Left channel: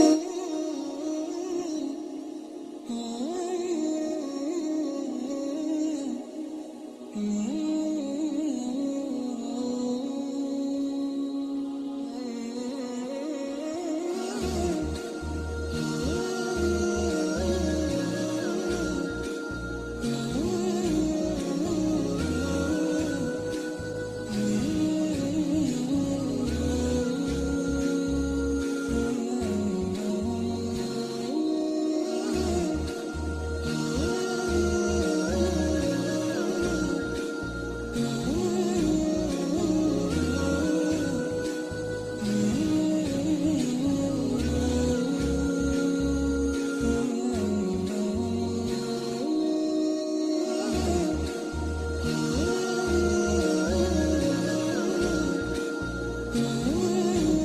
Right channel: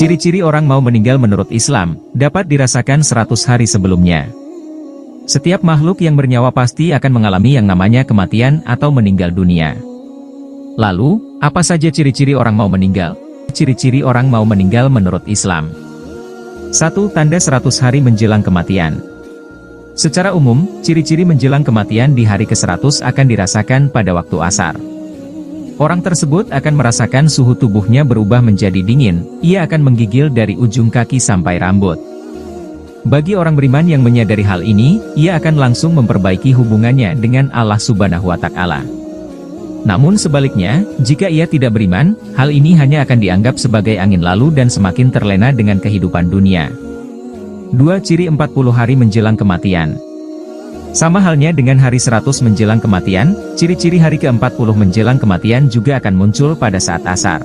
Ciri-ciri orang mau meninggal menurut Islam, dapat dirasakan 100 hari sebelumnya. Setiap makhluk yang bernyawa pasti akan mengalami yang namanya kematian atau meninggal dunia. Lalu, apa saja ciri-ciri orang mau meninggal? Ciri-ciri orang mau meninggal menurut Islam. 1. Tanda 100 hari menjelang kematian. Secara umum, ciri-ciri menjelang kematian di hari ke-100 akan dirasakan pada waktu asar. Orang tersebut akan merasakan suhu tubuhnya berubah menjadi dingin, ia akan menggigil dari ujung kaki sampai rambut. Bagi orang beriman yang menyadari hal ini, ia akan langsung memperbaiki hubungannya dengan Allah Subhanahu wa Ta'ala. Namun sebaliknya, jika ia tidak beriman, hal ini hanya akan dianggap sebagai angin lalu dan semakin terlena dengan kehidupan dunia. 2. Ciri 40 hari menjelang kematian. Sama halnya dengan hari 100 menjelang kematian, ciri-ciri hari ke-40 menjelang kematian juga akan muncul pada saat asar.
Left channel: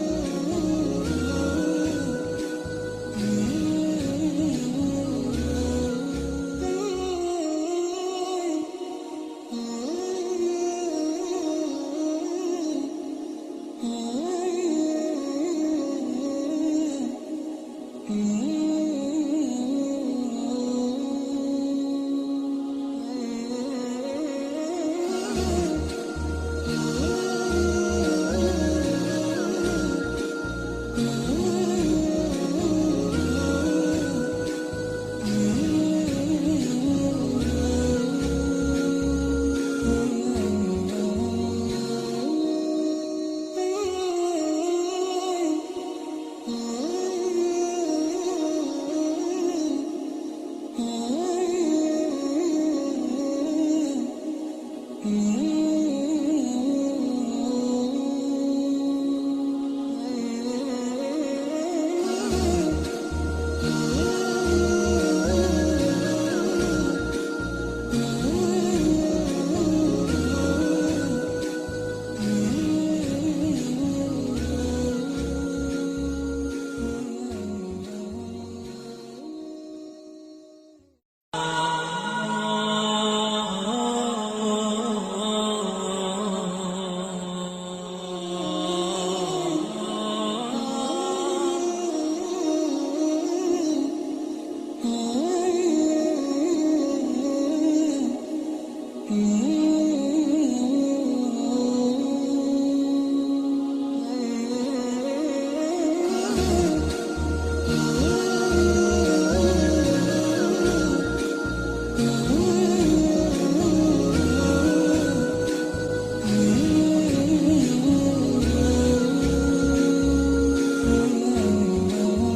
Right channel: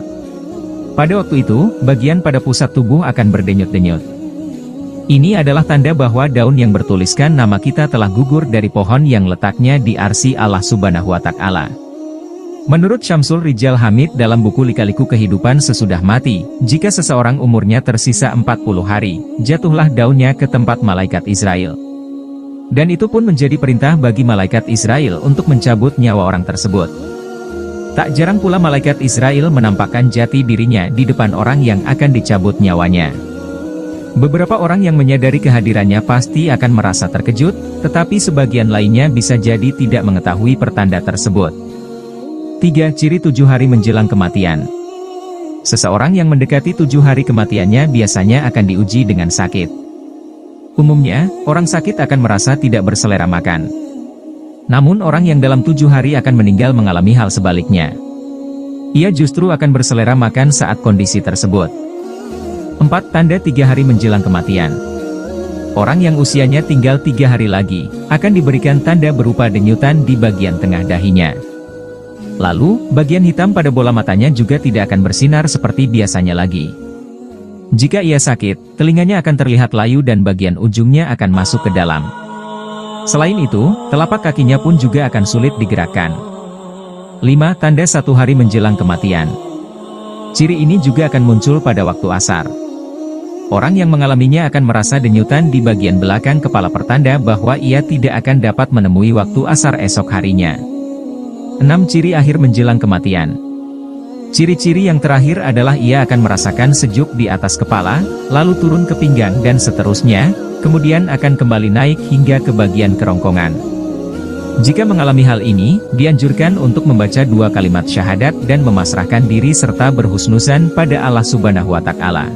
Pada waktu itu, bagian pada pusat tubuh akan berdenyut-denyut. Ini adalah tanda bahwa daun yang bertuliskan nama kita telah gugur dari pohon yang letaknya di arsy Allah Subhanahu wa Ta'ala. Menurut Syamsul Rijal Hamid dalam buku Lika-Liku Kehidupan Sesudah Mati, jika seseorang umurnya tersisa 40 hari, jatuhlah daunnya ke tempat malaikat Israel. Dan itu pun menjadi perintah bagi malaikat Israel untuk mencabut nyawa orang tersebut. Tak jarang pula malaikat Israel menampakkan jati dirinya di depan orang yang akan dicabut nyawanya. Beberapa orang yang menyadari kehadirannya pasti akan merasa terkejut, tetapi sebagian lainnya bisa jadi tidak mengetahui pertanda tersebut. 3. Ciri 7 hari menjelang kematian. Seseorang yang mendekati 7 hari kematiannya biasanya akan diuji dengan sakit. Umumnya, orang sakit akan merasa tidak berselera makan. Namun orang yang dalam 7 hari akan meninggal mengalami hal sebaliknya. Ia justru akan berselera makan saat kondisi tersebut. 4. Tanda 3 hari menjelang kematian. Orang yang usianya tinggal 3 hari lagi, akan diberikan tanda berupa denyutan di bagian tengah dahinya. Lalu, bagian hitam pada bola matanya juga tidak akan bersinar seperti biasanya lagi. Jika ia sakit, telinganya akan terlihat layu dan bagian ujungnya akan masuk ke dalam. Selain itu, telapak kakinya pun juga akan sulit digerakkan. 5. Tanda 1 hari menjelang kematian. Ciri ini juga akan muncul pada waktu asar. Orang yang mengalaminya akan merasa denyutan di bagian belakang kepala pertanda bahwa ia tidak akan dapat menemui waktu asar esok harinya. 6. Ciri akhir menjelang kematian. Ciri-ciri yang terakhir adalah ia akan merasakan sejuk di atas kepala, lalu turun ke pinggang dan seterusnya, kemudian akan kembali naik hingga ke bagian kerongkongan. Jika mengalami hal ini, dianjurkan untuk membaca 2 kalimat syahadat dan memasrahkan diri serta berhusnuzan pada Allah Subhanahu wa Ta'ala.